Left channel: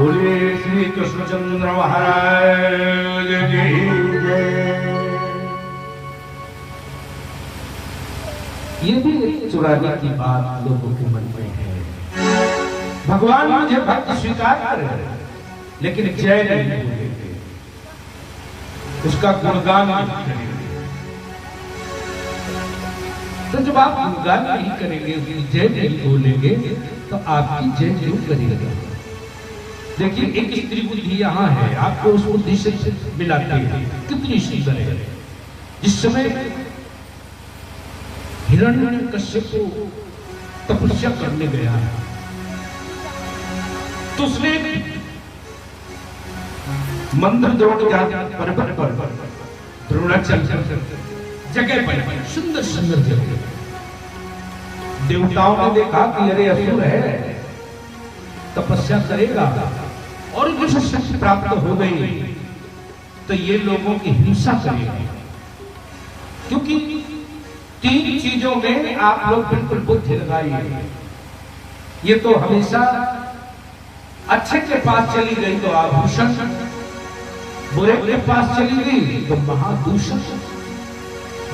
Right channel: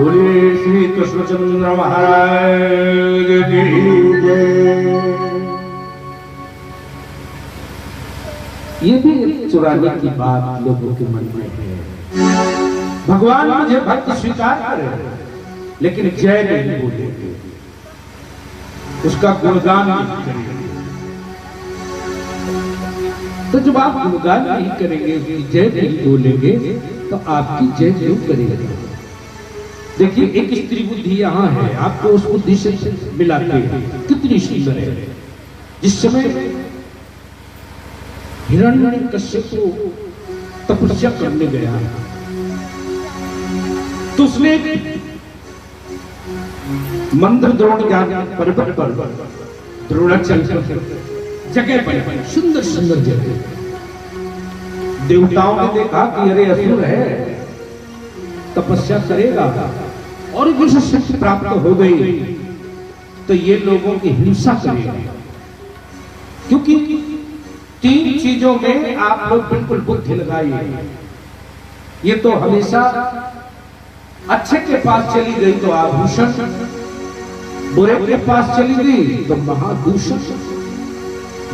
बोले श्री कृष्णचंद्र महाराज की जय। ये भी एक चुराने की बात लोगों के मन में है। भगवान मुझे भक्त स्वीकार करे लेकिन जय नहीं बोलेंगे, उसका गुणगान नहीं करेंगे। तो जब आप गुणगान नहीं करेंगे, उसकी जय नहीं बोलेंगे, तो आपकी जय क्यों करेंगे? देखिए, एक स्त्री बुद्धि यहाँ है, आपको उस बुद्धि से मिलाते हैं। कितनी सुंदर है। जिस समय हिरण्यकश्यप को तपस्या करने गया तो उसने मंत्र द्रोण ज्ञान पर्वत पर द्रोणाचार्य जगह पर सुंदर सुंदर जगह, देवताओं ने देखा कि अरे असुर है, तपस्या करेगा और इसे शक्ति प्राप्त हो गई तो ये लोगों की हिंसा करेगा। क्योंकि तीन चीजों में आप लोग बिल्कुल बुद्धि लगाइए। ये तो हमेशा अच्छे के पास चली गई तो आभूषण, बुरे के पास चली गई तो महादूषण,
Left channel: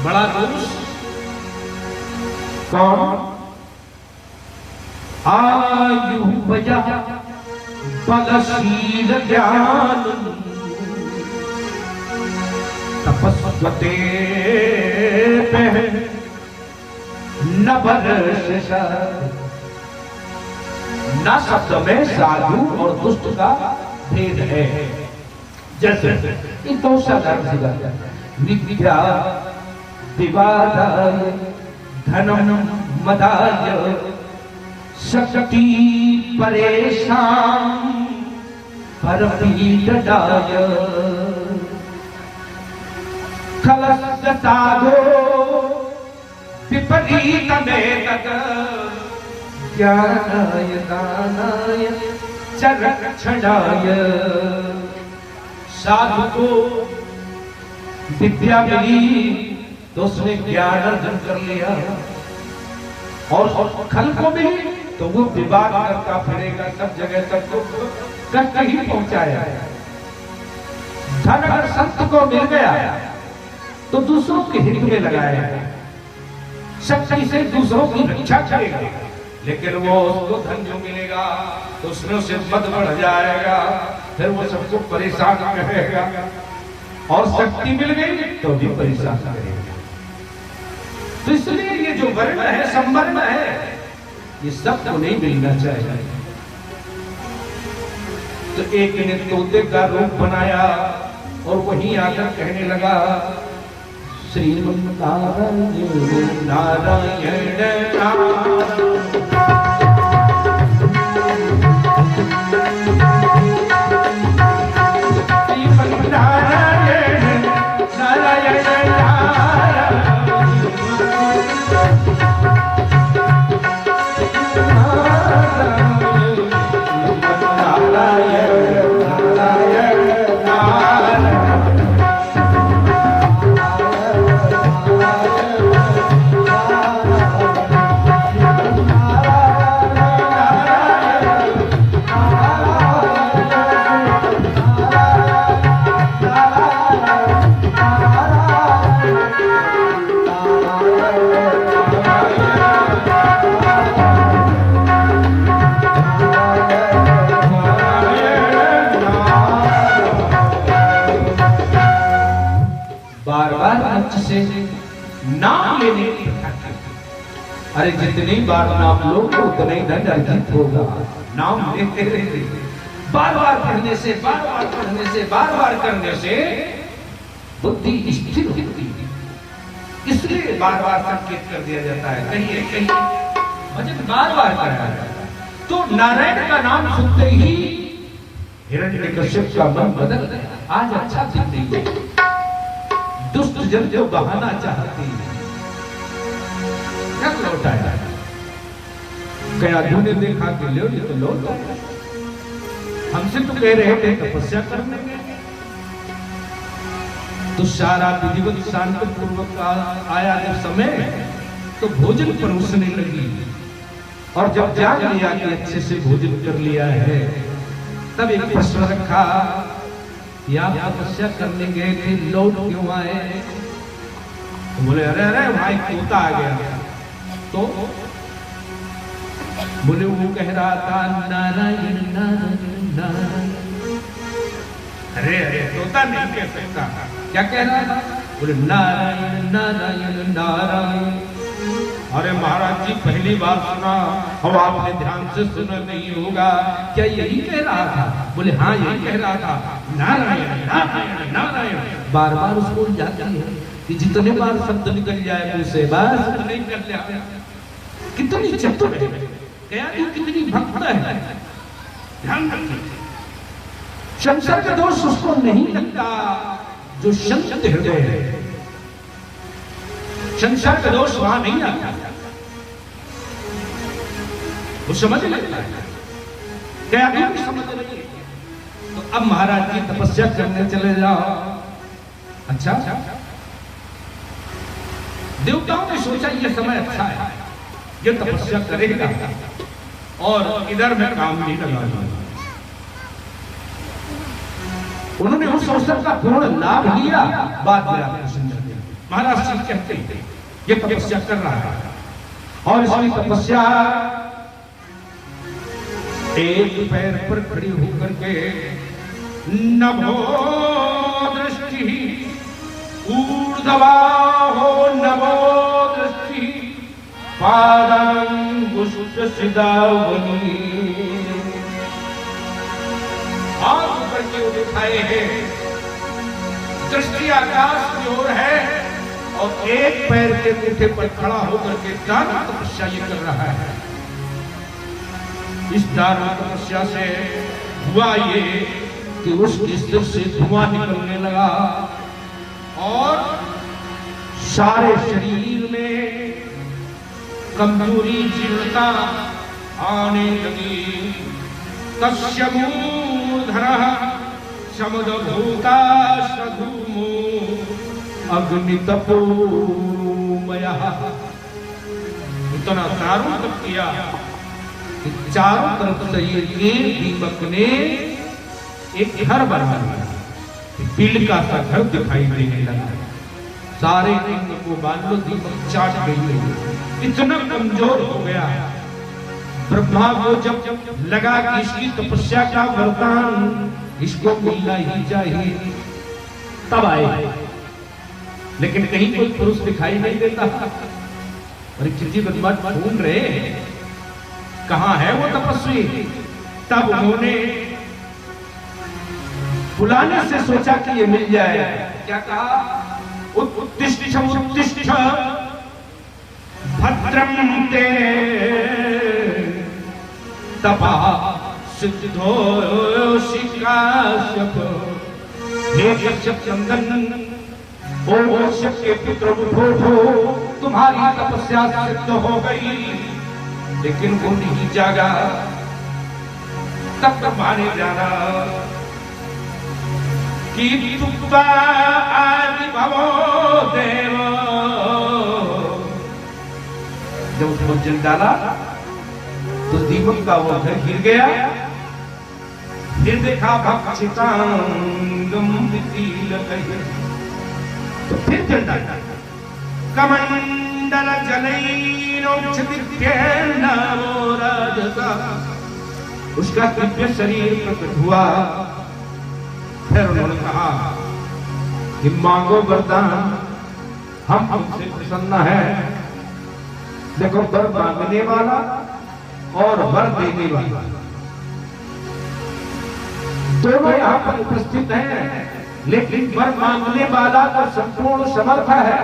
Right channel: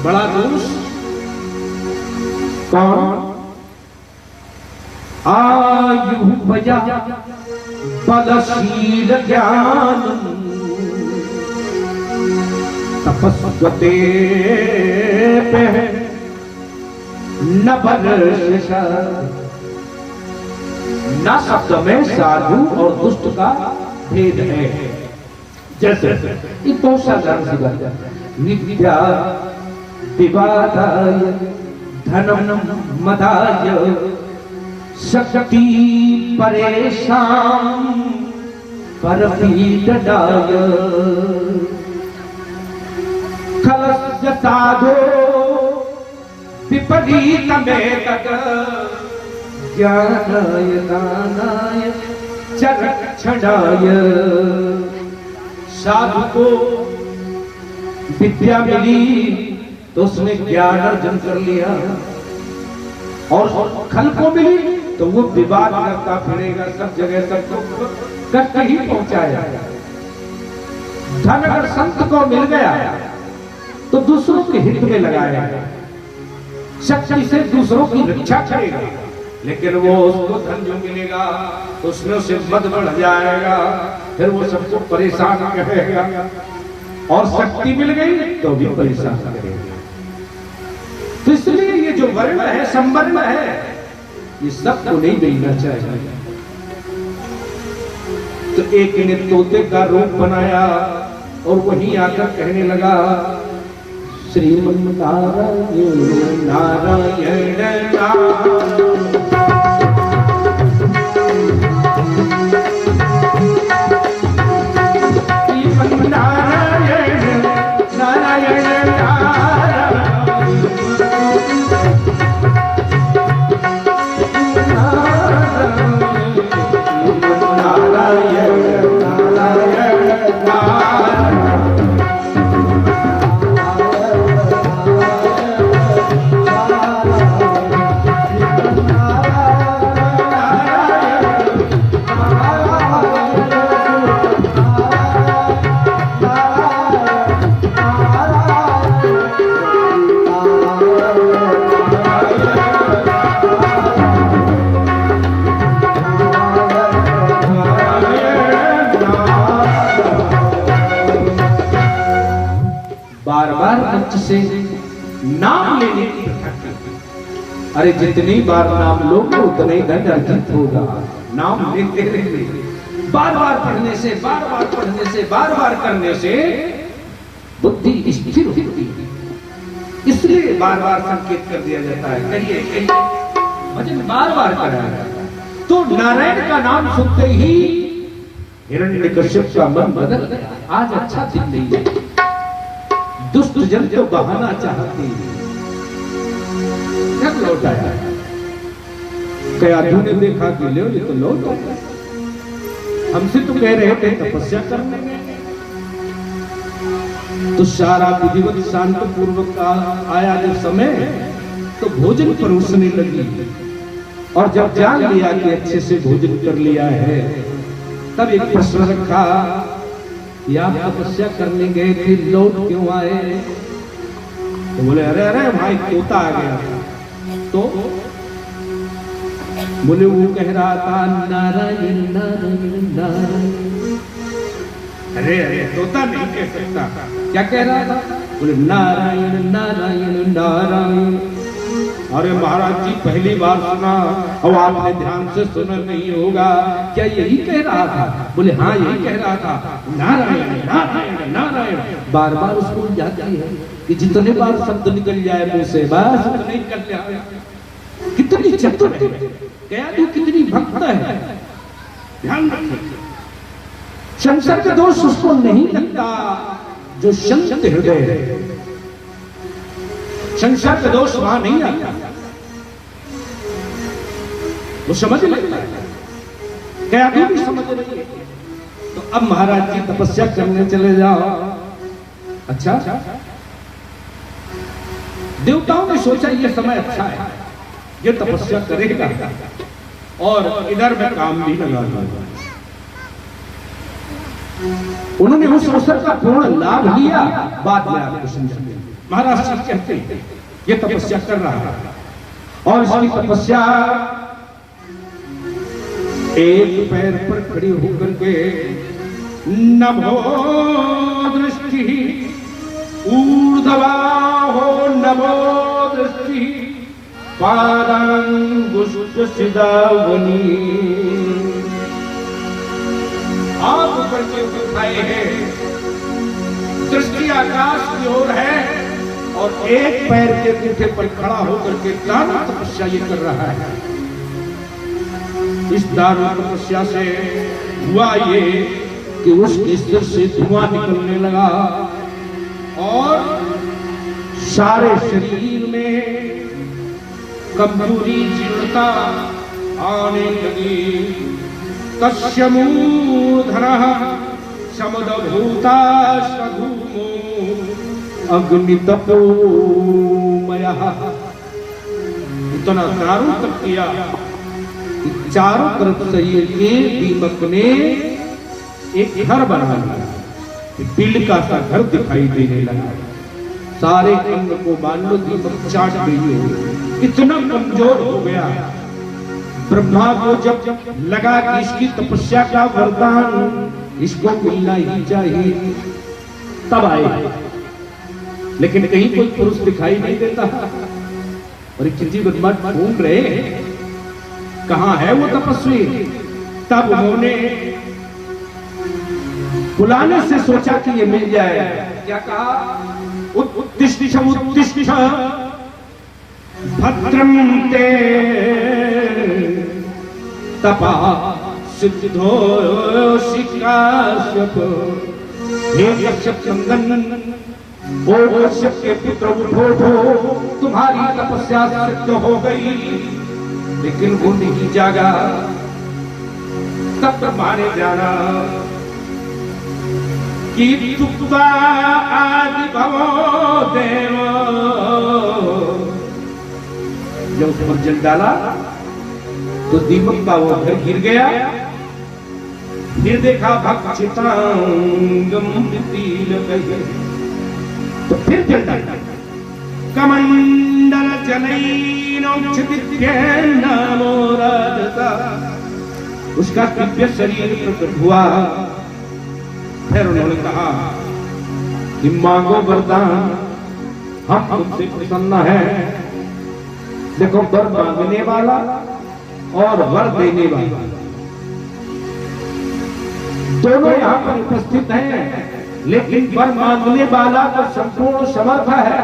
बड़ा दोष। कौन? आयु भया बलशील ज्ञान तपस्वते न बरस। न शब्द में साधु और दुष्ट का भेद है। जैसे ये बहुत साधारण विद्या विवादाय धनम मदाय शक्ति परेशान परपीडाय खलस्य साधो विपरीत में ज्ञानाय दानाय च रक्षणाय। साधु को विद्या मिली तो उसने ज्ञान अर्जन कर लिया, और खल को मिली तो वो विवाद करता फिरेगा, सब जगह तक तो कष्ट ही पहुंचाया। धन अगर संत को मिल गया तो दूसरों के हित में लगाया, शक्ति से दूसरों की रक्षा करेगा। लेकिन वो उसको धन जो मिलेगा उसमें उसे मद बढ़ जाएगा, फिर वो सबको परेशान करेगा, और शक्ति मिल गई तो भी परेशान करेगा। तो इसलिए ये जो वर्ण है, संवर्ण है, ये सबको नहीं मिलना चाहिए। तो एक ने तोते का रूप बनाया और वहीं आकर कहने लगा, श्रीमन्नारायण नारायण से नाम लेने की प्रथा करते। अरे जितनी बार नाम लोगे उतना ही धन अर्जित होगा। नाम लेते रहते, बार बार पढ़ने से, बार बार पढ़ने से, बार बार करने से बुद्धि स्थिर होती है। इसलिए बार बार संकेत कर दिया जाता है, कहिए कहिए, भजन बार बार कराया जाता है। तो नारायण का नाम सुनते ही हिरण्यकश्यप का मन बदल गया। आज अच्छा दिन नहीं है, दुष्ट जन तो बहाना चाहते हैं। कब लौट आया? कयाधु ने देखा कि लो ये तो लौट आया, हमसे तो कह रहे थे तपस्या करने गए। तो सारा विधिवत शांत पूर्वक आया जब समय, तो भोजन परोसने लगी। और जब जान लिया कि अच्छे से भोजन कर लिया है, तब एक प्रश्न रखा कि आप तपस्या करने गए थे, लौट क्यों आए? तो बोले अरे अरे भाई तोता आ गया। तो बोले वो कह रहा था नारायण नारायण नारायण। अरे अरे तोता नहीं कह सकता, क्या कह रहा था? बोले नारायण नारायण नारायण। अरे महाराज जी पहली बार सुना, और आपने ध्यान से सुना नहीं होगा, क्या यही कह रहा था? बोले हाँ यही कह रहा था, नारायण नारायण नारायण। बार बार उसको याद है कि जितने बार शब्द निकल जाए मुंह से बस नहीं कर लिया। कितनी चतुर है, क्या तू कितनी भक्त है, ध्यान रखिए। संसार के दोष उसको नहीं लगता जो संत हृदय है। संसार का दोष वहां नहीं आता, वो समझ लेता है, क्या अभी भी समझ रही है। तो अब महाराज जी तपस्या करने चले जाओ। अच्छा, देवताओं ने सोचा ये समय अच्छा है, ये तपस्या करेगा और इधर में काम नहीं लगा लूंगा। उन्होंने उस अवसर का पूर्ण लाभ लिया। बाद में आपको समझाते हैं। महाराज जी कहते हैं ये तपस्या कर रहा है, और इसकी तपस्या एक पैर पर खड़ी होकर के नभो दृष्टि ऊर्ध्वा हो, नभो दृष्टि पादांगुष्ठ सिदावनी। हाथ ऊपर के उठाए हैं, दृष्टि आकाश की ओर है, और एक पैर के पीठे पर खड़ा होकर के दारुण तपस्या ये कर रहा है। इस दारुण तपस्या से हुआ ये कि उसके सिर से धुआं निकलने लगा, और सारे शरीर में कमजोरी जीर्णता आने लगी। तस्य मूर्धनः समदभूता सधूमो अग्नितपोमयः। इतना चारों तप किया, चारों तरफ से ये दीपक ने एक घर बना लिया, बिल का सा घर दिखाई देने लगा। सारे अंग को मान लो दीपक चाट गई, इतना कमजोर हो गया। ब्रह्मा को जब लगा कि इसकी तपस्या का वरदान इसको मिलना ही चाहिए, तब आए। लेकिन कहीं कोई पुरुष दिखाई नहीं देता, और किसी बदमाश घूम रहे, कहां है वो तपस्वी? तब उन्होंने बुलाने से सोचा कि ये मिल जाए। क्या कहा? उत्तिष्ठ उत्तिष्ठ भद्रम ते तपा सिद्धो शिकाशप। हे कश्यप चंदन, वो कश्यप के पितृ विभो, तुम्हारी तपस्या सिद्ध हो गई, लेकिन वो नहीं जागा। तब मारे जाना कि तुक्का आदि भवो देव। जब उसको जल डाला तो दीपक का वो घर गिर गया। फिर देखा भक्षितांगम तो फिर जल डाला। कमंडल जलैनोक्षिपित्येन, उसका दिव्य शरीर प्रकट हुआ। फिर उन्होंने कहा कि मांगो वरदान, हम तुमसे प्रसन्न हैं। देखो, वर मांगने वाला और वर देने वाला दोनों यहाँ पर उपस्थित हैं, लेकिन वर मांगने वाला तो संपूर्ण समर्थ है,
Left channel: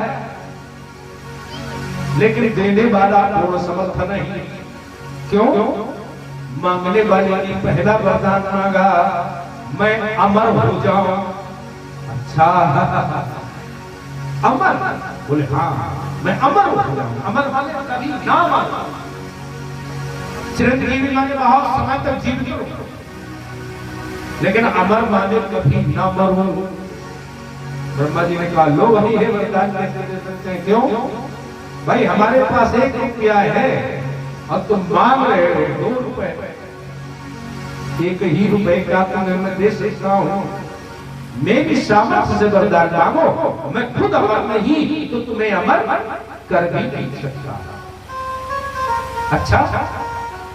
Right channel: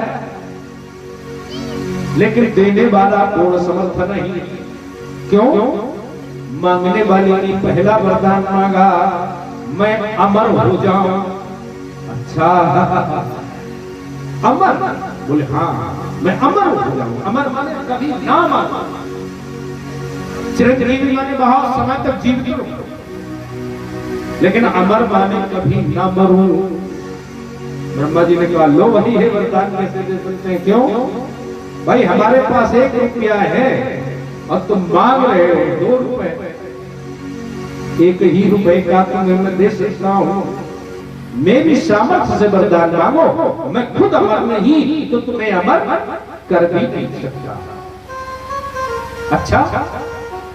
लेकिन देने वाला पूर्ण समर्थ नहीं। क्यों? मांगने वाले ने पहला वरदान मांगा, मैं अमर हो जाऊं। अच्छा, अमर? बोले हाँ, मैं अमर हो जाऊं। अमर माने कभी ना मरूं, चिरंजीवी माने बहुत समय तक जीवित रहूं, लेकिन अमर माने कभी ना मरूं। ब्रह्मा जी ने कहा, लो वही है वरदान, कैसे दे सकते हैं? क्यों भाई, हमारे पास 1 रुपया है और तुम मांग रहे हो 2 रुपए। 1 ही रुपए का तुम्हें मैं दे सकता हूं, मेरी सामर्थ्य से वरदान मांगो, मैं खुद अमर नहीं तो तुम्हें अमर कर भी नहीं सकता। अच्छा,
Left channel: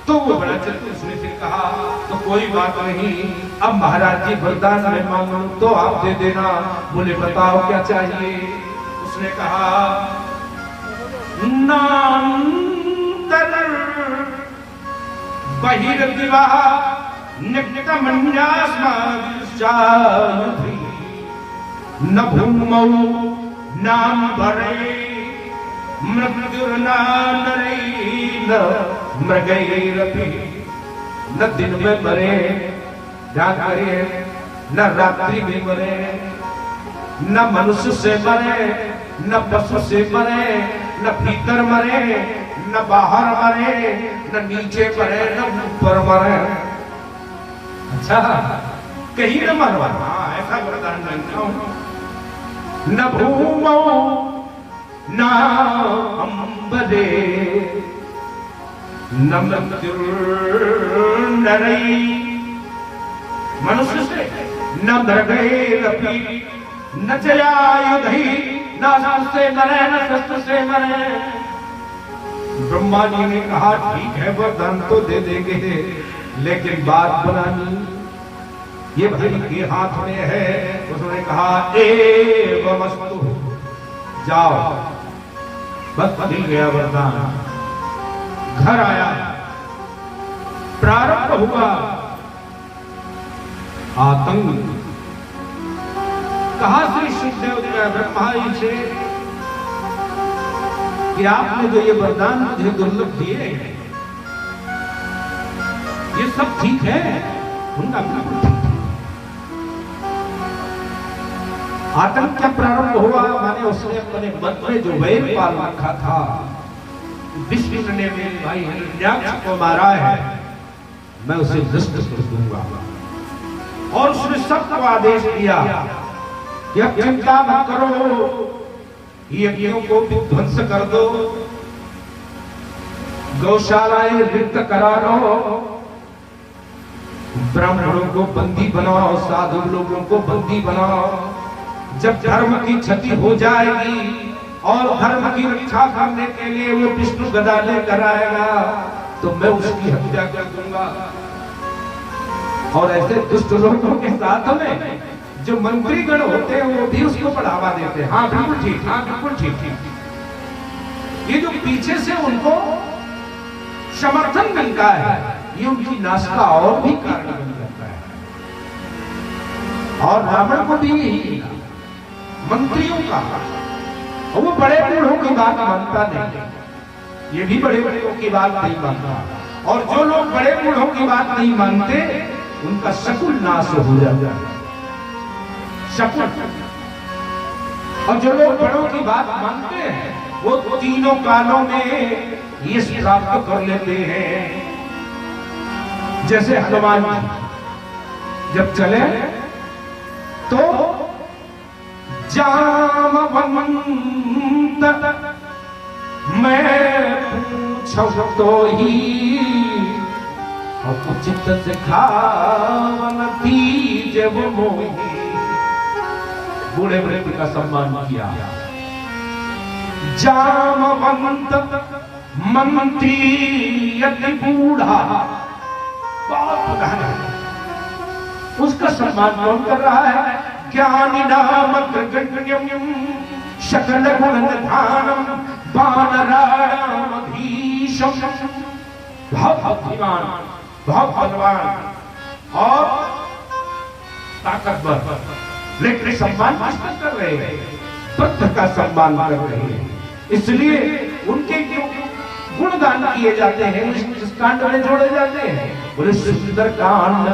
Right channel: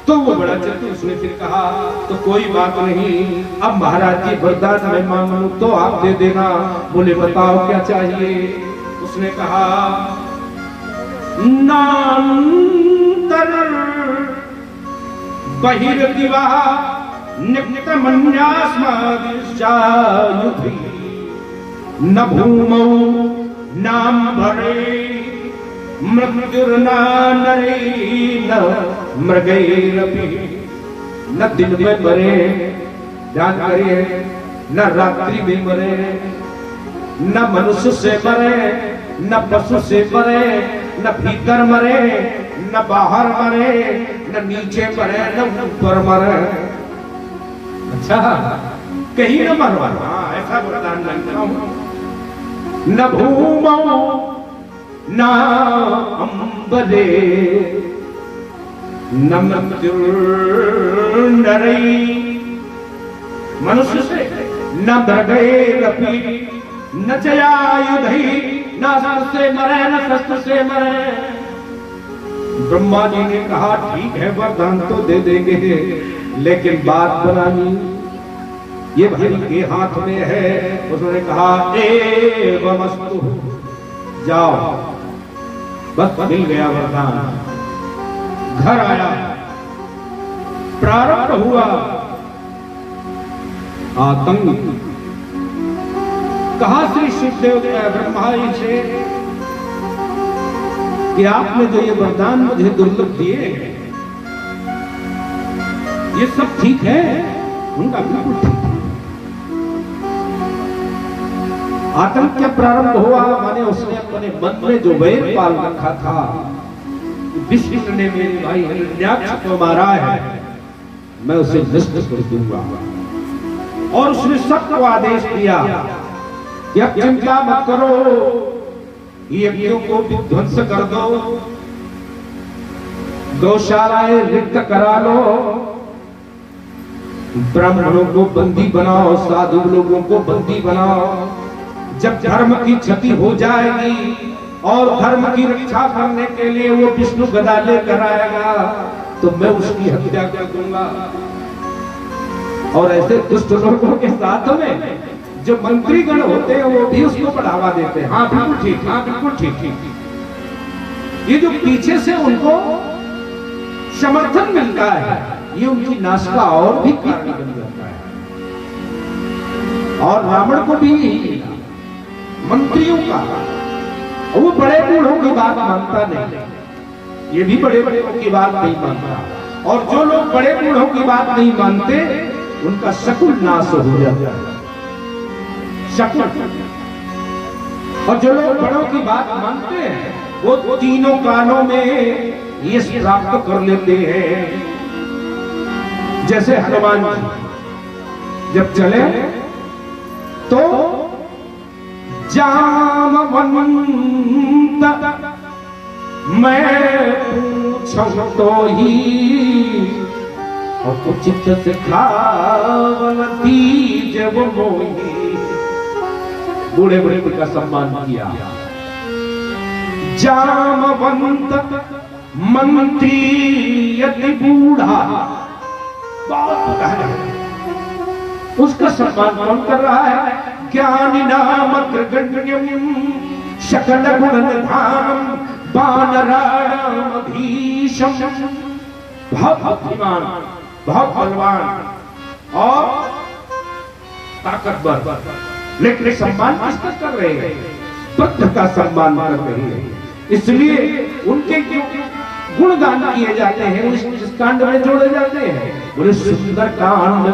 तो वो बड़ा चलते, उसने फिर कहा, तो कोई बात नहीं, अब महाराज जी वरदान मैं मांगू तो आप दे देना। बोले बताओ क्या चाहिए? उसने कहा, नांतर बहिर्दिवा नित्यमन्यास्मादिश्चायुधि न भूमौ नाम्भरे मृत्युर्न नरे न मृगैरपि। न दिन में मरे, ध्यान करिए, न रात्रि में मरे, न मनुष्य से मरे, न पशु से मरे, न भीतर मरे, न बाहर मरे, न नीचे मरे, न ऊपर मरे। अच्छा, कहीं न मरवा, हाँ ऐसा वरदान जानता हूं। न भूमौ न अंबरे न मृत्युर्नरै, मनुष्य से न मृगैरपि न चयायुधि, न अस्त्र से मरे न शस्त्र से मरे। ब्रह्मा जी ने कहा, ठीक है वरदान तो दे देंगे, लेकिन बात बनानी, ये भाई के हाथ में है। उसने कहा, एवमस्तु, जाओ। बस मिल गया वरदान, घर आया, प्रारंभ हुआ आतंक। कहा श्री सुखदेव ब्रह्मा जी से कि आपने जो ये वरदान मुझे दुर्लभ दिए, ये सब ठीक है? उनका बिल्कुल ठीक है। आतंक क्या प्रारंभ हुआ? माने उसने अपने मन में जो वैर पाल रखा था, विष्णु ने मेरे भाई हिरण्याक्ष को मारा है, मैं उसे नष्ट कर दूंगा। और उसने सबको आदेश दिया कि अब चिंता मत करो, यज्ञों को विध्वंस कर दो, गौशालाएं रिक्त करा लो, ब्राह्मणों को बंदी बनाओ, साधु लोगों को बंदी बनाओ। जब धर्म की क्षति हो जाएगी और धर्म की रक्षा करने के लिए वो विष्णु गदा लेकर आएगा, तो मैं उसकी हत्या कर दूंगा। और ऐसे दुष्ट लोगों के साथ में जो मंत्रीगण होते हैं वो भी उसको बढ़ावा देते हैं। हाँ बिल्कुल ठीक, हाँ बिल्कुल ठीक। ये जो पीछे से उनको समर्थन मिलता है, ये उनकी नाश का और भी कारण बन जाता है। और रावण को भी मंत्रियों का, और वो बड़े बूढ़ों की बात मानता नहीं, ये भी बड़े बड़ों की बात नहीं मानता। और जो लोग बड़े बूढ़ों की बात नहीं मानते, उनका शकुन नाश हो जाता है, शकुन। और जो लोग बड़ों की बात मानते हैं, वो तीनों कालों में यश प्राप्त कर लेते हैं। जैसे हनुमान जी जब चले तो जामवंत मैं पूछूं तो ही उचित सिखावन तीज वो मोही। बूढ़े बूढ़े का सम्मान किया। जामवंत मंत्री यदि बूढ़ा, बहुत गहरा, उसका सम्मान कौन कर रहा है? ज्ञानी नाम अग्रगण्यम सकल गुण निधानम वानराणामधीशम। बहुत बुद्धिमान, बहुत बलवान और ताकतवर, लेकिन सम्मान किसका कर रहे हैं? बुद्ध का सम्मान कर रहे हैं। इसलिए उनके गुणगान किए जाते हैं। जिस कांड में जोड़े जाते हैं? बोले सुंदर कांड।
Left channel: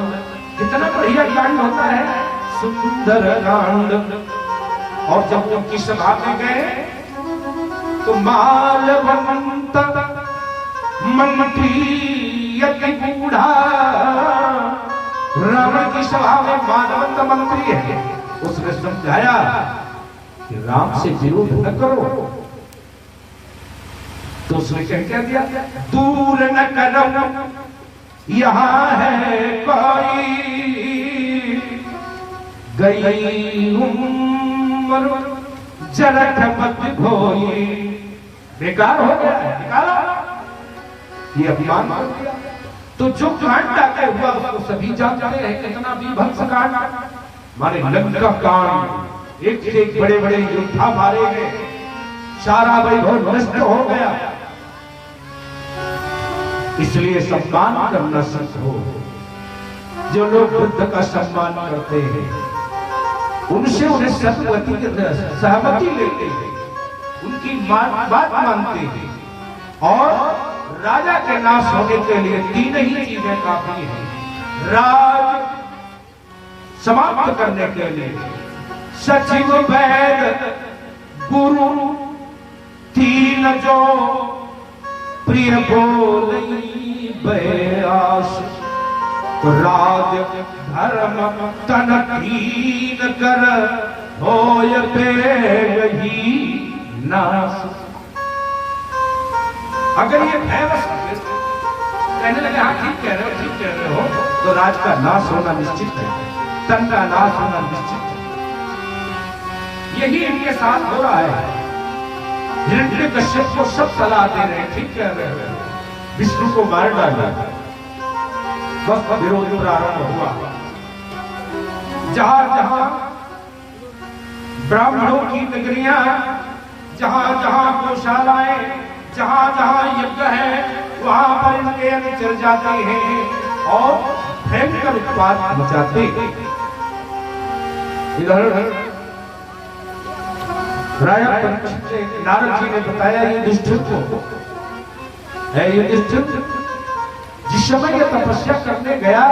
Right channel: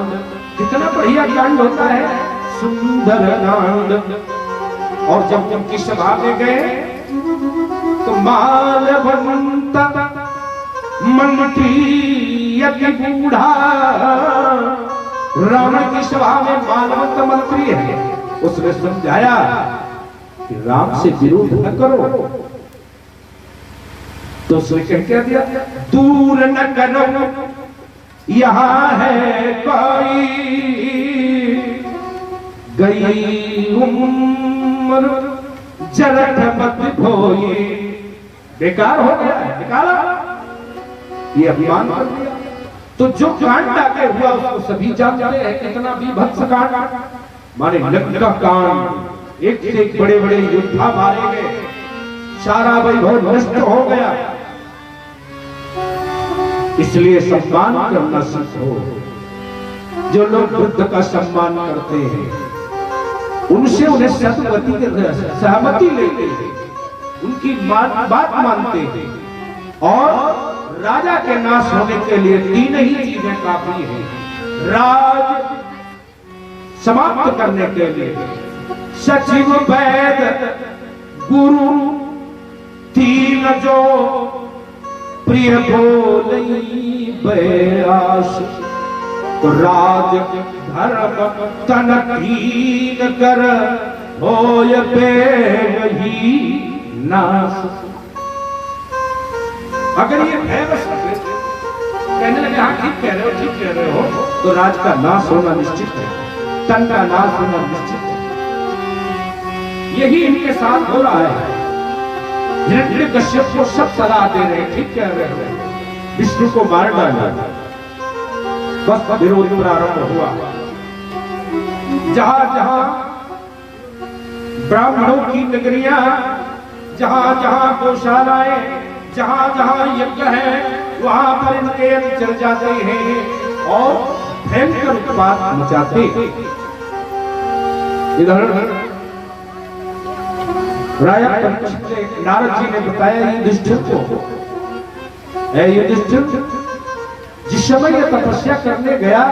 कितना बढ़िया कांड होता है सुंदर कांड। और जब उनकी सभा में गए तो मालवंत मंत्री अति बूढ़ा, रावण की सभा में मालवंत मंत्री है, उसने समझाया कि राम से विरोध न करो। तो उसने क्या दिया, दूर न करो यहां है कोई, गई उम्र जरठ मत भोई। बेकार हो गया है, निकाला ये अभिमान कर दिया। तो जो कांड आगे हुआ उसको सभी जानते हैं, कितना विभत्स कांड, माने लंका कांड, एक से एक बड़े बड़े योद्धा मारे गए, सारा वैभव नष्ट हो गया। इसलिए सम्मान करना सीखो। जो लोग बुद्ध का सम्मान करते हैं उनसे उन्हें सदगति सहमति लेते हैं, उनकी बात मानते हैं, और राजा के नाश होने के लिए 3 ही चीजें काफी है। राज समाप्त करने के लिए सचिव वैद गुरु 3 जो प्रिय बोलई बयास, तो राज धर्म तन कीन कर होय ही नाश। अगर ये भयवश कहने लगे हाँ ठीक कह रहे हो, ठीक कह रहे हो, तो राज का नाश होना निश्चित है, तन का नाश होना निश्चित है। यही इनके साथ हो रहा है। हिरण्यकश्यप को सब सलाह दे रहे हैं, ठीक कह रहे हैं, विष्णु को मार डाला। बस विरोध प्रारंभ हुआ। जहां जहां ब्राह्मणों की नगरियां, जहां जहां गौशालाएं, जहां जहां यज्ञ है, वहां पर इनके चल जाते हैं और भयंकर उत्पात मचाते। इधर राजा परीक्षित ने, नारद जी ने बताया युधिष्ठिर को, युधिष्ठिर जिस समय ये तपस्या करने गया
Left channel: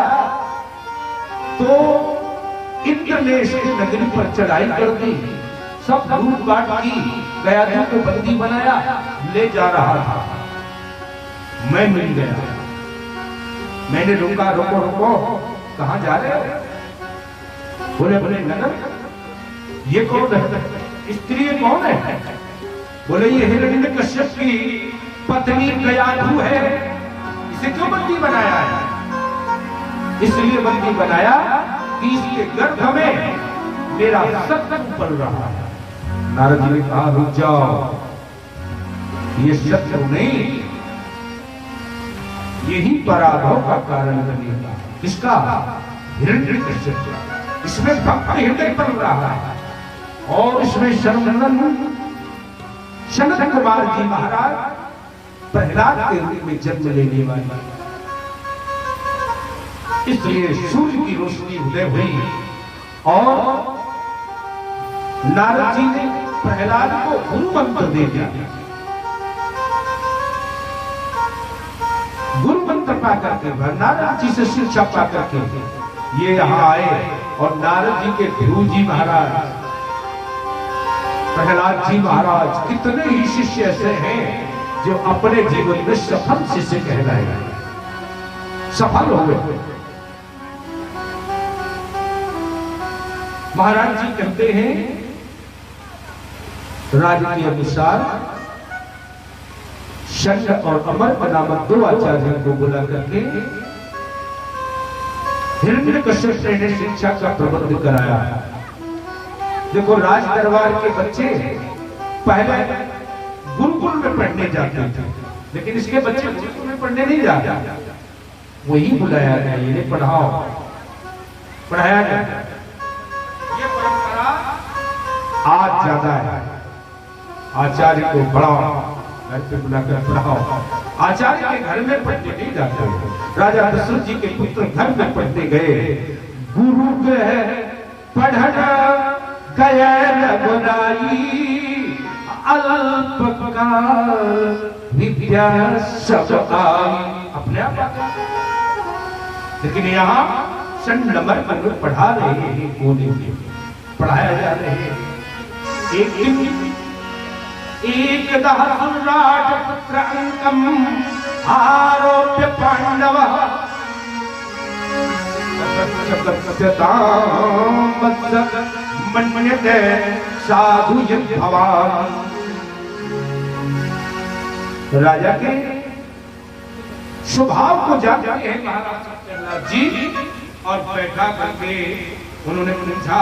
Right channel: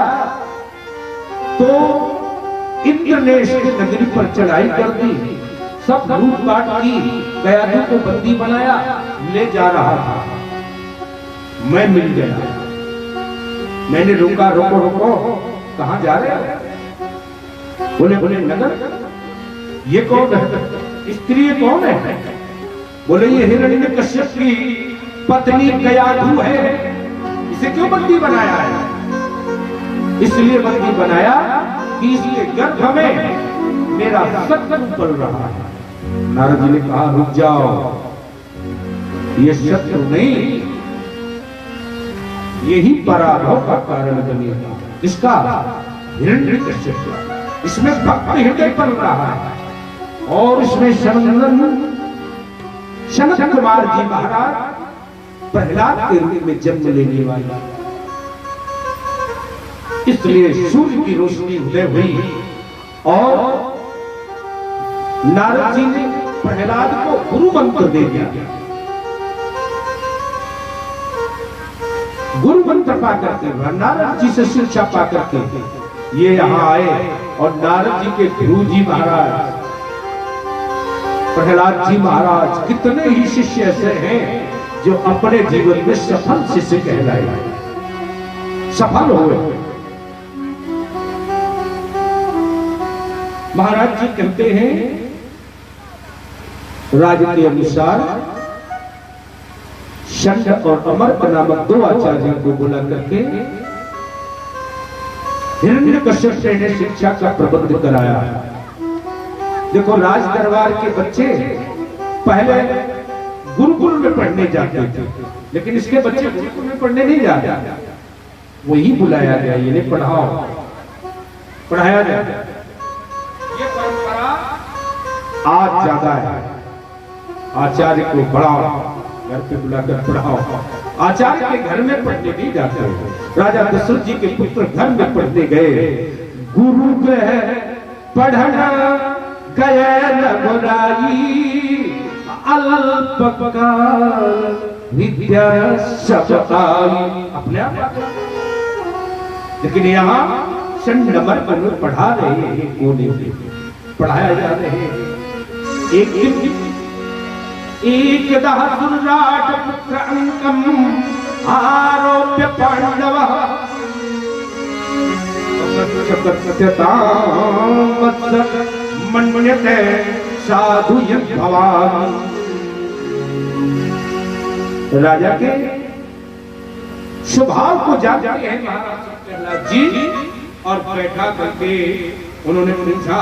तो इंद्र ने इसकी नगरी पर चढ़ाई कर दी, सब लूटपाट की, गयाधियों को बंदी बनाया, ले जा रहा था। मैं मिल गया, मैंने रोका, रोको रोको, कहां जा रहे हो? बोले बोले नगर। ये कौन है? स्त्री कौन है? बोले ये हिरण्यकश्यप की पत्नी गयाधु है। इसे क्यों बंदी बनाया है? इसलिए बंदी बनाया कि इसके गर्भ में मेरा शत्रु पल रहा है। नारद ने कहा रुक जाओ, ये शत्रु नहीं, यही पराभव का कारण बनेगा। किसका? हिरण्यकश्यप का। इसमें भक्त हृदय पल रहा है और इसमें सनत कुमार जी महाराज प्रहलाद के रूप में जन्म लेने वाला, इसलिए सूर्य की रोशनी उदय हुई और नारद जी ने प्रहलाद को गुरु मंत्र दे दिया। गुरु मंत्र पा करके, नारद जी से शिक्षा पा करके ये यहां आए और नारद जी के गुरु जी महाराज प्रहलाद जी महाराज, कितने ही शिष्य ऐसे हैं जो अपने जीवन में सफल शिष्य कहलाए, सफल हुए। महाराज जी कहते हैं राज के अनुसार शंख और अमर नामक 2 आचार्यों को बुला करके हिरण्यकश्यप ने शिक्षा का प्रबंध कराया। देखो राज दरबार के बच्चे पहले गुरुकुल में पढ़ने जाते थे, लेकिन इसके बच्चे गुरुकुल में पढ़ने नहीं जाते, वही बुलाया गया, इन्हें पढ़ाओ, पढ़ाया गया। ये परंपरा आज ज्यादा है। आचार्य को बढ़ाओ, घर पे बुलाकर पढ़ाओ। आचार्य के घर में पढ़ने नहीं जाते। राजा दशरथ जी के पुत्र घर में पढ़ने गए। गुरु गए पढ़ना गए रघुराई, अल्पकाल विद्या सबकाल। अपने आप आ गया। लेकिन यहाँ चंड नंबर पर लोग पढ़ा रहे हैं, कोने में पढ़ाया जा रहे हैं। एक दिन एकदा सुराट पुत्र अंकम आरोप्य पांडव मन्यते साधु भगवान। राजा के स्वभाव को जानते हैं महाराज प्रहलाद जी, और बैठा करके उन्होंने पूछा,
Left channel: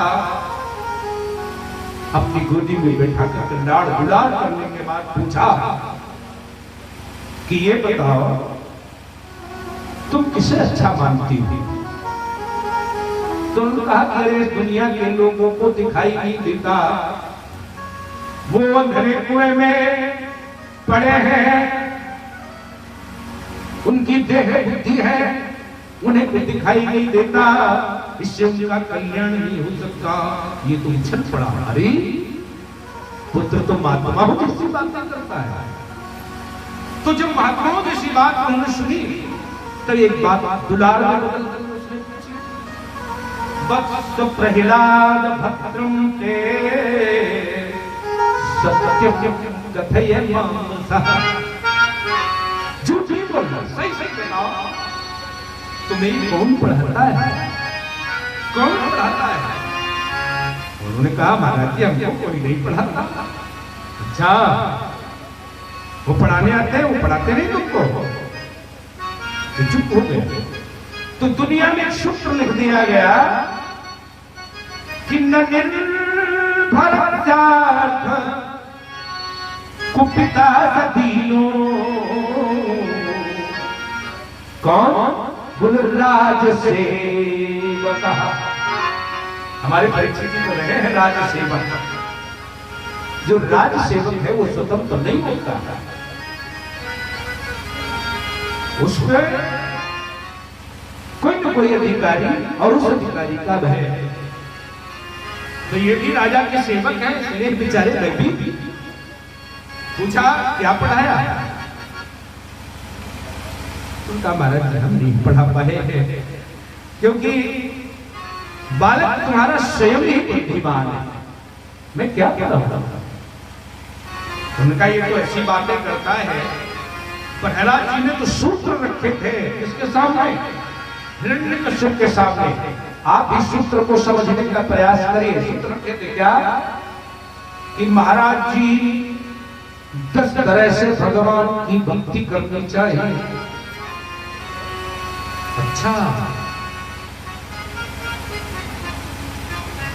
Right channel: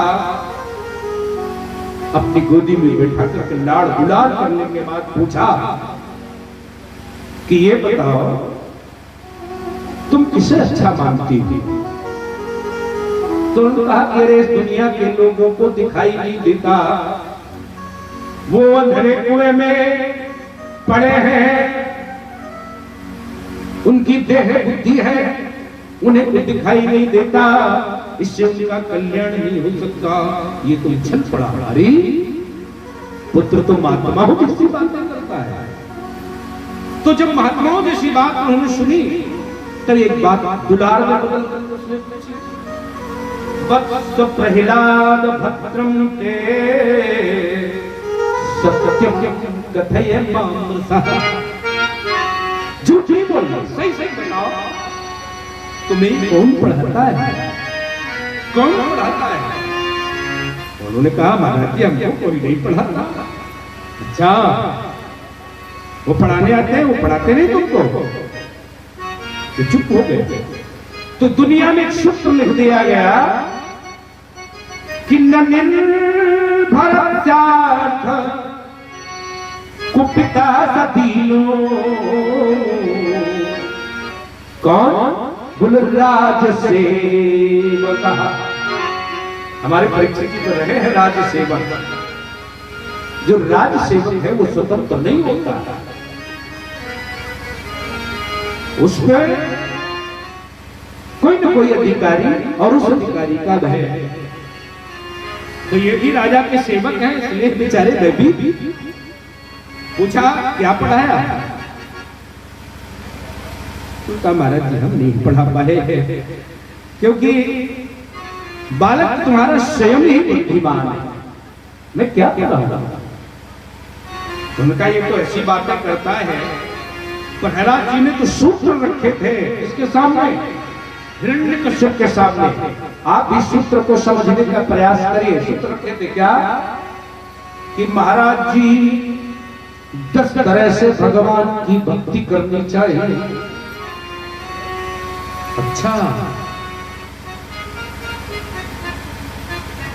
अपनी गोदी में बैठा करके लाड़ गुलार करने के बाद पूछा कि ये बताओ तुम किसे अच्छा मानती हो? तो उन्होंने कहा कि अरे इस दुनिया के लोगों को दिखाई नहीं देता, वो अंधेरे कुएं में पड़े हैं, उनकी देह बुद्धि है, उन्हें कुछ दिखाई नहीं देता, इससे उनका कल्याण नहीं हो सकता। ये तो छल पड़ा हमारी पुत्र तो महात्माओं जैसी बातें करता है। तो जब महात्माओं जैसी बात उन्होंने सुनी तो एक बात दुलार में बदल उसने पूछी, वत्स प्रहलाद भद्रम ते सत्यम कथय मम सह। झूठ नहीं बोलना, सही सही बताओ तुम्हें कौन पढ़ाता है, कौन पढ़ाता है? उन्होंने कहा महाराज जी हमको कोई नहीं पढ़ाता। अच्छा, वो पढ़ाने आते हैं, वो पढ़ाते नहीं तुमको? तो चुप हो गए। तो दुनिया में एक सूत्र लिख दिया गया कि निर्भर कुपिता दीनो। कौन? गुणराज सेवक। हमारे परीक्षित जी तो रहे हैं राज सेवक। जो राज सेवक है वो स्वतंत्र नहीं होता, उस पर कोई न कोई अधिकारी और उस अधिकारी का भय है। तो ये भी राजा के सेवक हैं, इसलिए बेचारे ने भी पूछा क्या पढ़ाया? उनका महाराज हम नहीं पढ़ा पाए, क्योंकि बालक तुम्हारा स्वयं ही बुद्धिमान है, मैं क्या पढ़ाऊंगा? उनका ये तो ऐसी बातें करता है। प्रहलाद जी ने तो सूत्र रखे थे इसके सामने, हिरण्यकश्यप के सामने। आप इस सूत्र को समझने का प्रयास करिए। सूत्र रखे थे क्या कि महाराज जी 10 तरह से भगवान की भक्ति करनी चाहिए। अच्छा,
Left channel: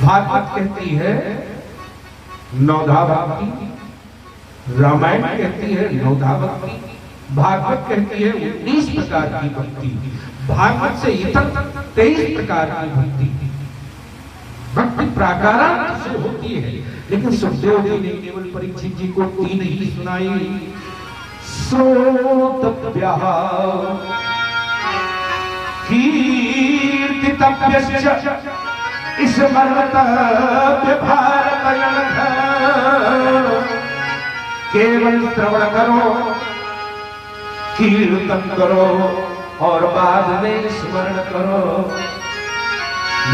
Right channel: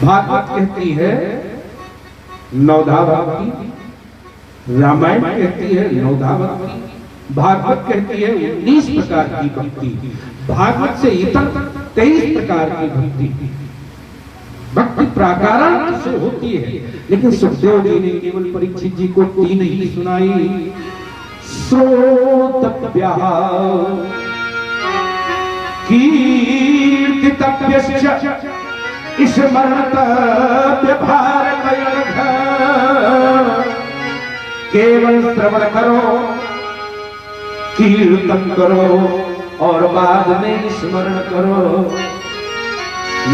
भागवत कहती है नवधा भक्ति, रामायण कहती है नवधा भक्ति, भागवत कहती है 19 प्रकार की भक्ति, भागवत से इतर 23 प्रकार की भक्ति। भक्ति प्राकारांत से होती है, लेकिन सुखदेव जी ने केवल परीक्षित जी को 3 ही सुनाई। श्रोतव्या कीर्तितव्यश्च स्मरणतव्य भारतयनघ। केवल श्रवण करो, कीर्तन करो और बाद में स्मरण करो।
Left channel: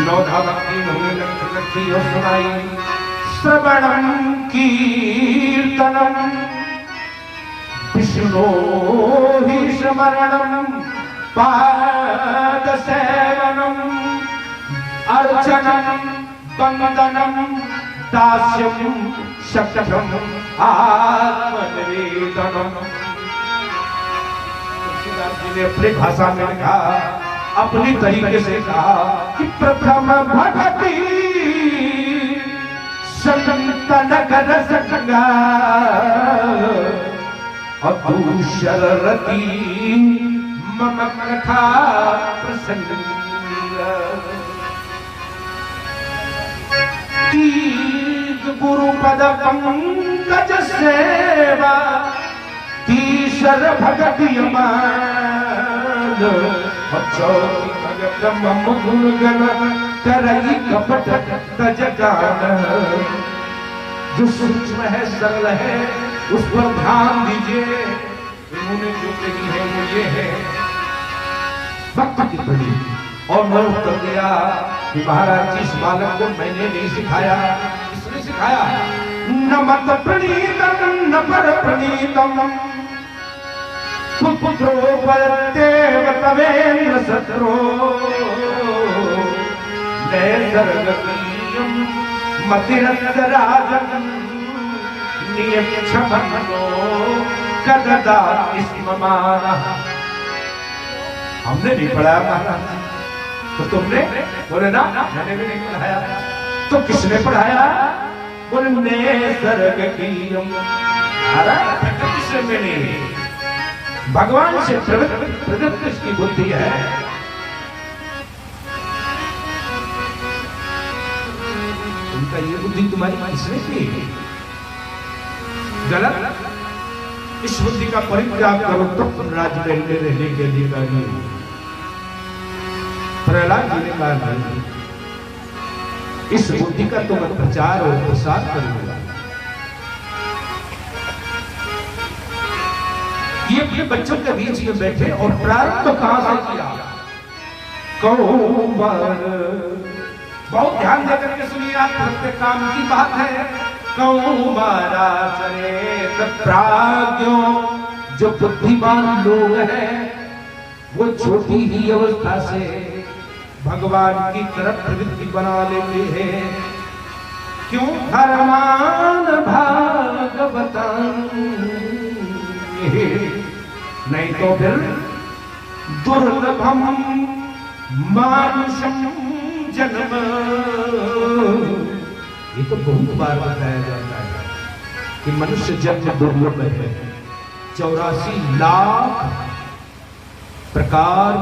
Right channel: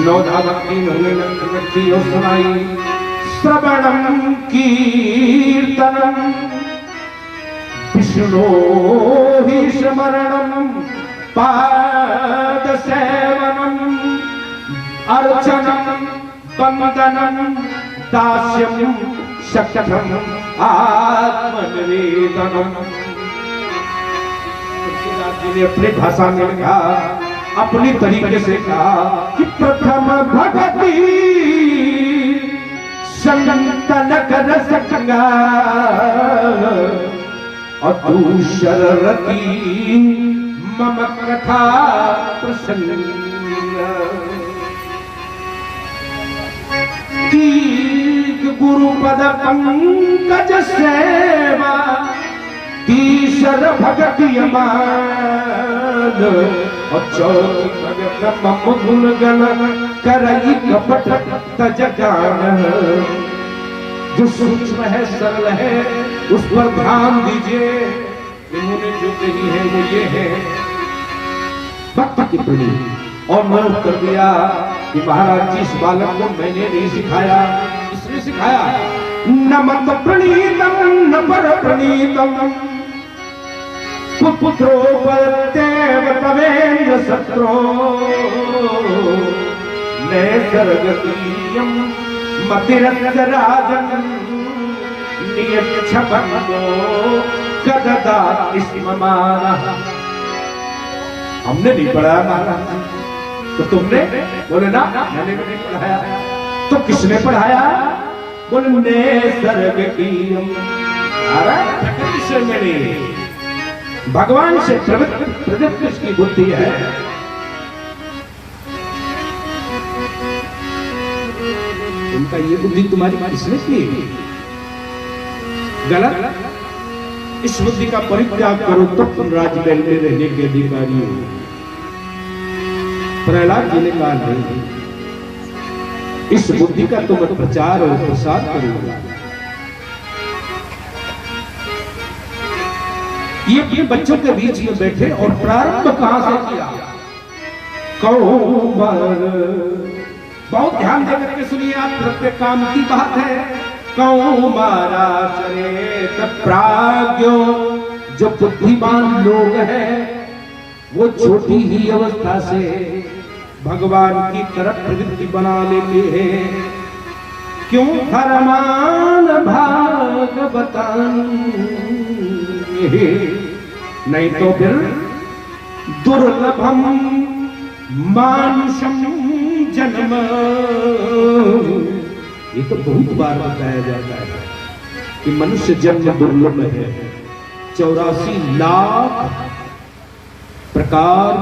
नवधा भक्ति उन्होंने लक्ष्मी और सुनाई। श्रवणम कीर्तनम विष्णु ही स्मरणम पाद सेवनम अर्चनम वंदनम दास्यम शक्तम आत्मनिवेदनम। तुलसीदास जी ने अपनी भाषा में कहा, अपनी तरीके से कहा कि प्रथम भक्ति संतनक रस गंगा और दूसरती मम कथा प्रसन्न। गुरुपद पंकज सेवा तीसर भगति अमान और चौथी ब्रह्म गुण गण करई कपट तज गान। जो सूक्ष्म है, सरल है, उस पर ध्यान दीजिए। इन्होंने जो कही है वो ये है, भक्त की पड़ी। और मैं उत्तर दिया कि महाराज जी, इस बालक को मैंने नहीं सिखाया, इसने सिखाया। न मत प्रणीतम न पर प्रणीतम पुत्रो परतेव तवेन्द्र सत्रो नैसर्गीयम मतिरराजन नियक्षपन्नो कददा स्ममाना। हमने नहीं पढ़ाया महाराज, तो तुमने? बोले ना, मैंने भी नहीं पढ़ाया। तो किसने पढ़ाया? बोले नैसर्गीयम, प्रकृति से मेरी, भगवान से प्रदत्त इसकी बुद्धि है। उनका ये बुद्धि तुम्हारी किसने की? गलत। इस बुद्धि का परित्याग करो तो राजमहल में रहने के अधिकारी हो। प्रहलाद जी ने कहा नहीं, इस बुद्धि का तो मत प्रचार और प्रसार करूंगा। ये बच्चों के बीच में बैठे और प्रारंभ तो कहां से किया? कौमार। बहुत ध्यान देकर के सुनिए आप, प्रत्येक काम की बात है। कौमारा चरेत प्राज्ञो, जो बुद्धिमान लोग हैं वो छोटी ही अवस्था से भगवान की तरफ प्रवृत्ति बना लेते हैं। क्यों? धर्मान भागवतान, नहीं तो फिर दुर्लभम मानुषम जन्म। ये तो बहुत बार बताया जाता है कि मनुष्य जन्म दुर्लभ है। 84 लाख प्रकार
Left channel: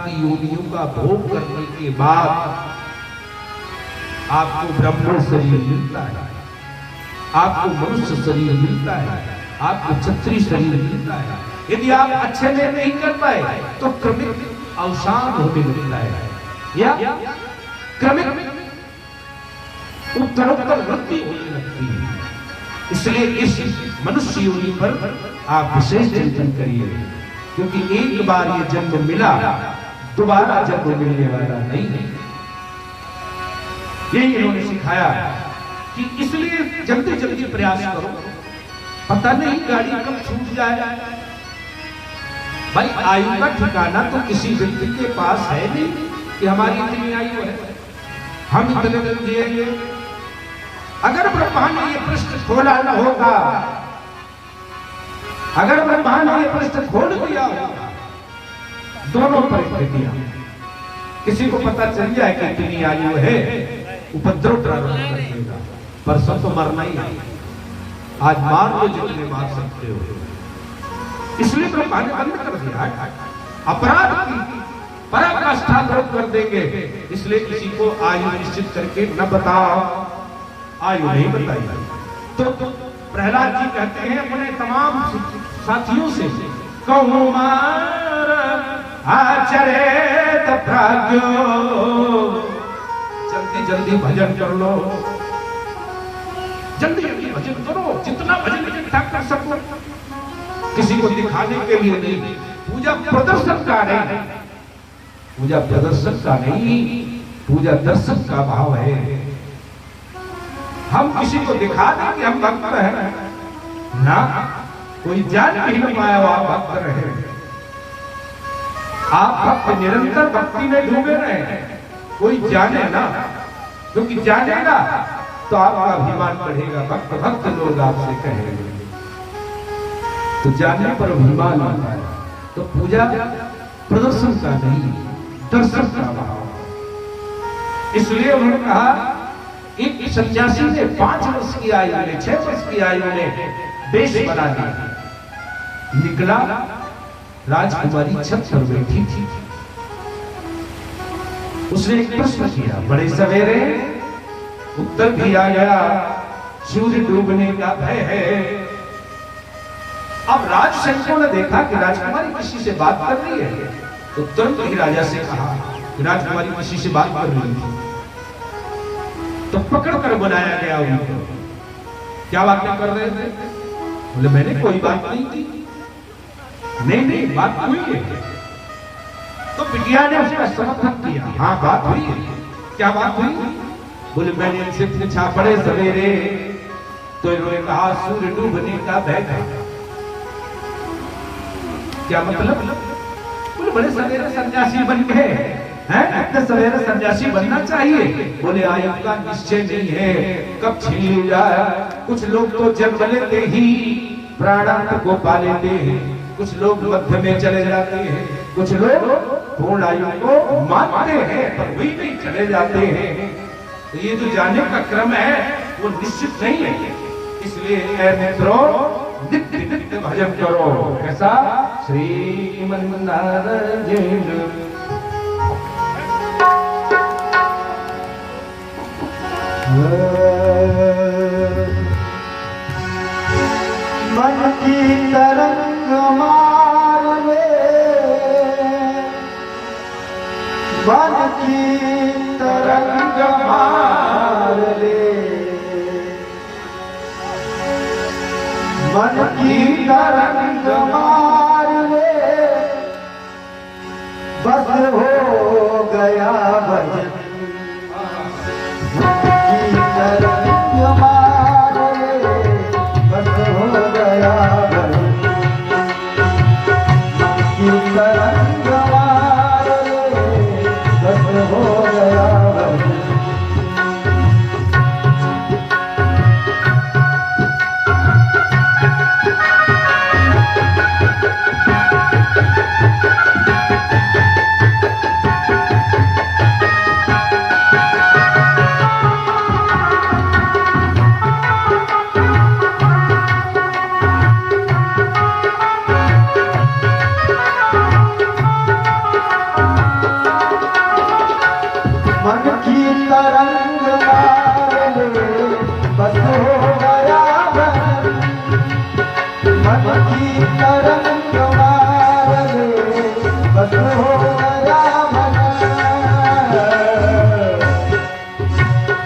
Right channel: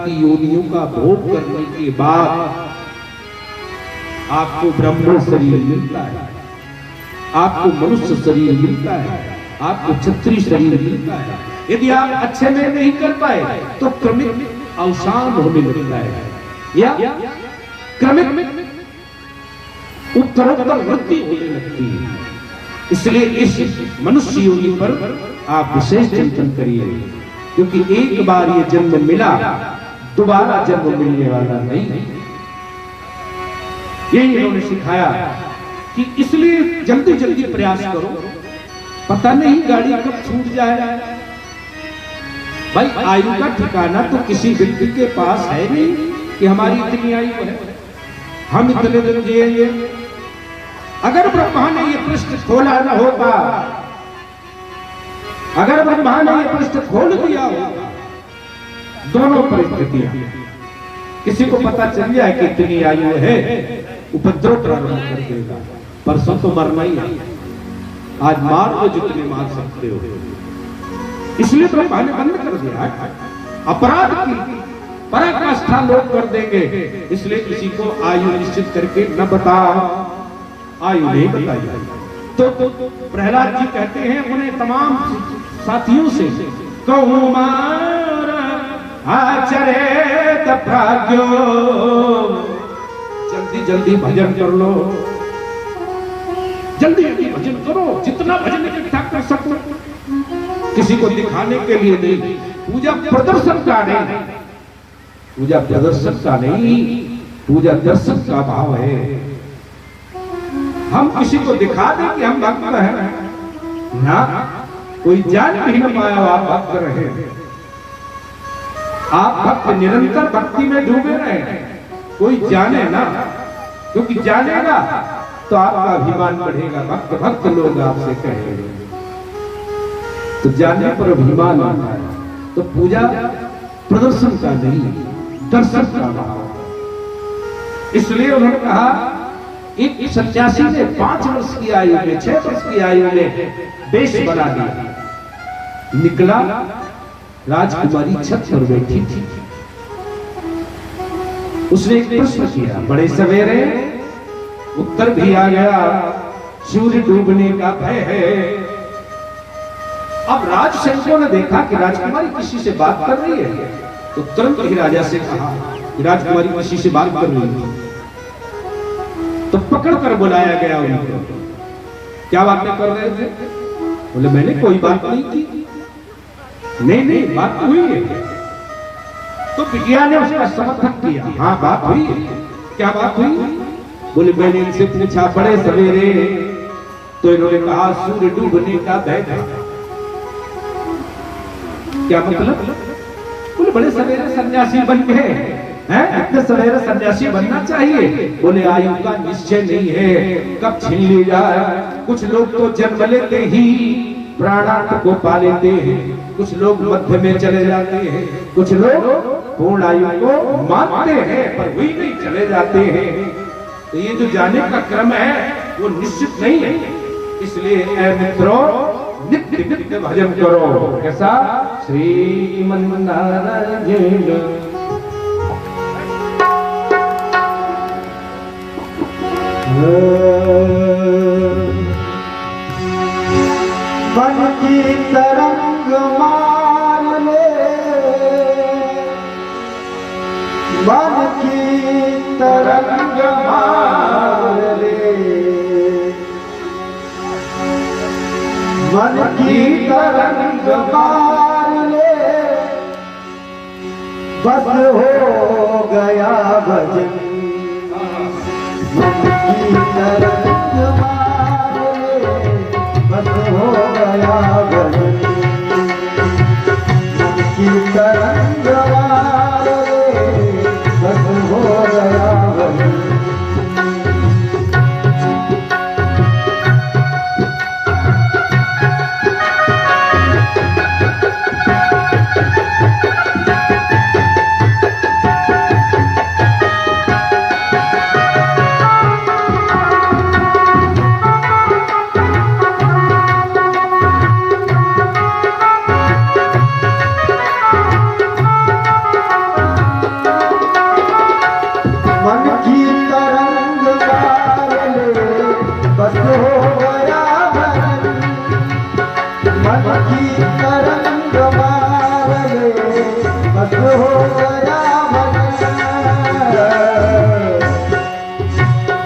की योनियों का भोग करने के बाद आपको ब्रह्म शरीर मिलता है, आपको मनुष्य शरीर मिलता है, आपको क्षत्रिय शरीर मिलता है। यदि आप अच्छे में नहीं कर पाए तो क्रमिक अवसान होने लगता है, या क्रमिक उत्तरोत्तर वृद्धि होने लगती है। इसलिए इस मनुष्य योनि पर आप विशेष चिंतन करिए, क्योंकि एक बार ये जन्म मिला, दोबारा जन्म मिलने वाला नहीं है। ये इन्होंने सिखाया कि इसलिए जल्दी जल्दी प्रयास करो, पता नहीं गाड़ी कब छूट जाए। भाई आयु का ठिकाना तो किसी व्यक्ति के पास है नहीं कि हमारी इतनी आयु है, हम इतने दिन जिएंगे। अगर ब्रह्मा ने ये पृष्ठ खोला न होता, अगर ब्रह्मा ने ये पृष्ठ खोल दिया होता, दोनों परिस्थितियां, किसी को पता चल जाए कि इतनी आयु है, उपद्रव प्रारंभ कर देगा। परसों तो मरना ही है, आज मार लो जितने मार सकते हो। इसलिए ब्रह्मा ने बंद कर दिया। अपराध की पराकाष्ठा लोग कर देंगे, इसलिए किसी को आयु निश्चित करके न बताओ, आयु नहीं बताई। तो प्रहलाद जी कहते हैं अपने तमाम साथियों से, कौमार आचरेत प्राज्ञो, जल्दी जल्दी भजन कर लो, जल्दी जल्दी भजन करो, जितना भजन इकट्ठा कर सको। किसी को दिखाने के लिए नहीं, पूजा प्रदर्शन का नहीं, पूजा प्रदर्शन का नहीं, पूजा दर्शन का भाव है। हम किसी को दिखा दें कि हम भक्त हैं ना, कोई जान नहीं न पाया आप भक्त रहे। आप भक्त निरंतर भक्ति में डूबे रहे, कोई जाने ना, क्योंकि जानेगा तो आपका अभिमान बढ़ेगा। भक्त भक्त लोग आपसे कहेंगे, तो जानने पर अभिमान आता है। तो पूजा प्रदर्शन का नहीं, दर्शन का भाव। इसलिए उन्होंने कहा, एक सन्यासी ने 5 वर्ष की आयु में, 6 वर्ष की आयु में देश बना दिया। निकला, राजकुमारी छत पर बैठी थी, उसने एक प्रश्न किया, बड़े सवेरे उत्तर भी आ गया, सूर्य डूबने का भय है। अब राजसैनिकों ने देखा कि राजकुमारी किसी से बात कर रही है, तो तुरंत ही राजा से कहा कि राजकुमारी किसी से बात कर रही है। तो पकड़ कर बुलाया गया उनको। क्या बातें कर रहे थे? बोले मैंने कोई बात नहीं की। नहीं बात तो हुई है। तो विज्ञान ने उसका समर्थन किया, हाँ बात हुई है। क्या बात हुई? बोले मैंने इनसे पूछा बड़े सवेरे, तो इन्होंने कहा सूर्य डूबने का भय था। क्या मतलब? बोले बड़े सवेरे सन्यासी बन गए हैं, इतने सवेरे सन्यासी बनना चाहिए। बोले आयु का निश्चय नहीं है, कब छीन ली जाए। कुछ लोग तो जन्म लेते ही प्राणांत को पा लेते हैं, कुछ लोग मध्य में चले जाते हैं, कुछ लोग पूर्ण आयु को मानते हैं पर वही नहीं चले जाते हैं। तो ये जो जाने का क्रम है वो निश्चित नहीं है। इसलिए ऐ मित्रों नित्य नित्य भजन करो। कैसा? श्रीमन्नारायण। मन की तरंग मार ले, मन की तरंग मार ले, मन की तरंग मार ले, बस हो गया भजन। मन की तरंग मार ले, बस हो गया भजन। मन की तरंग मार ले, बस हो गया भजन। मन की तरंग मार ले, बस हो गया भजन। मन की तरंग मार ले, बस हो गया भजन।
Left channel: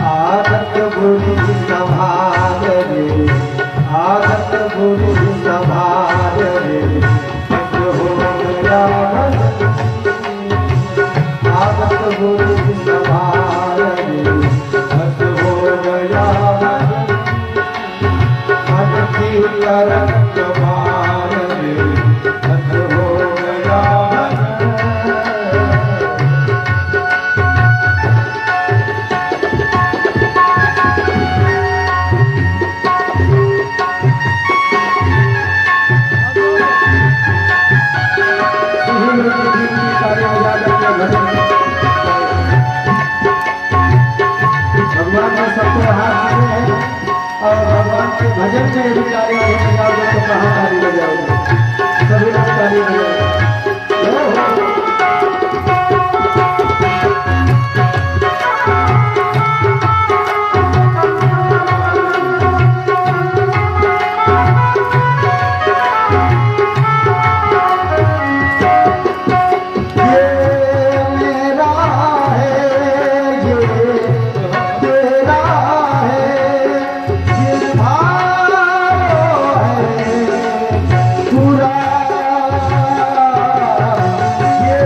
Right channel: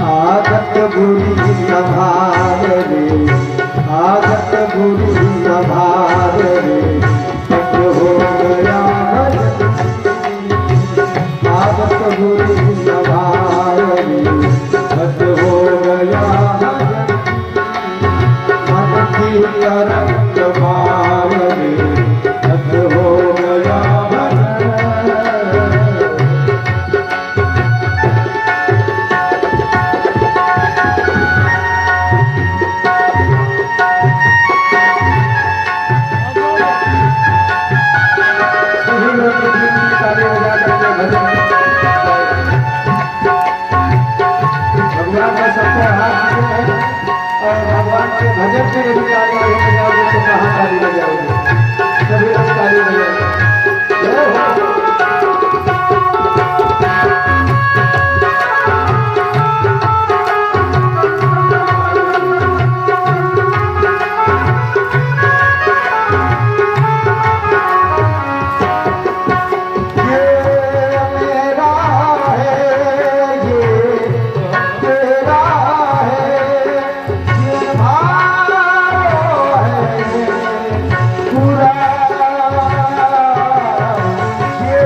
आदत बुरी संभाल ले, आदत बुरी संभाल ले, बस हो गया भजन। आदत बुरी संभाल ले, बस हो गया भजन। मन की तरंग मार ले, बस हो गया भजन। भगवान ने सबको हाथ दिए हैं और भगवान के भजन के अधिकारी जाओगे तो कहाँ ताली बजाओगे? सभी लोग ताली बजाओगे। पूरा ये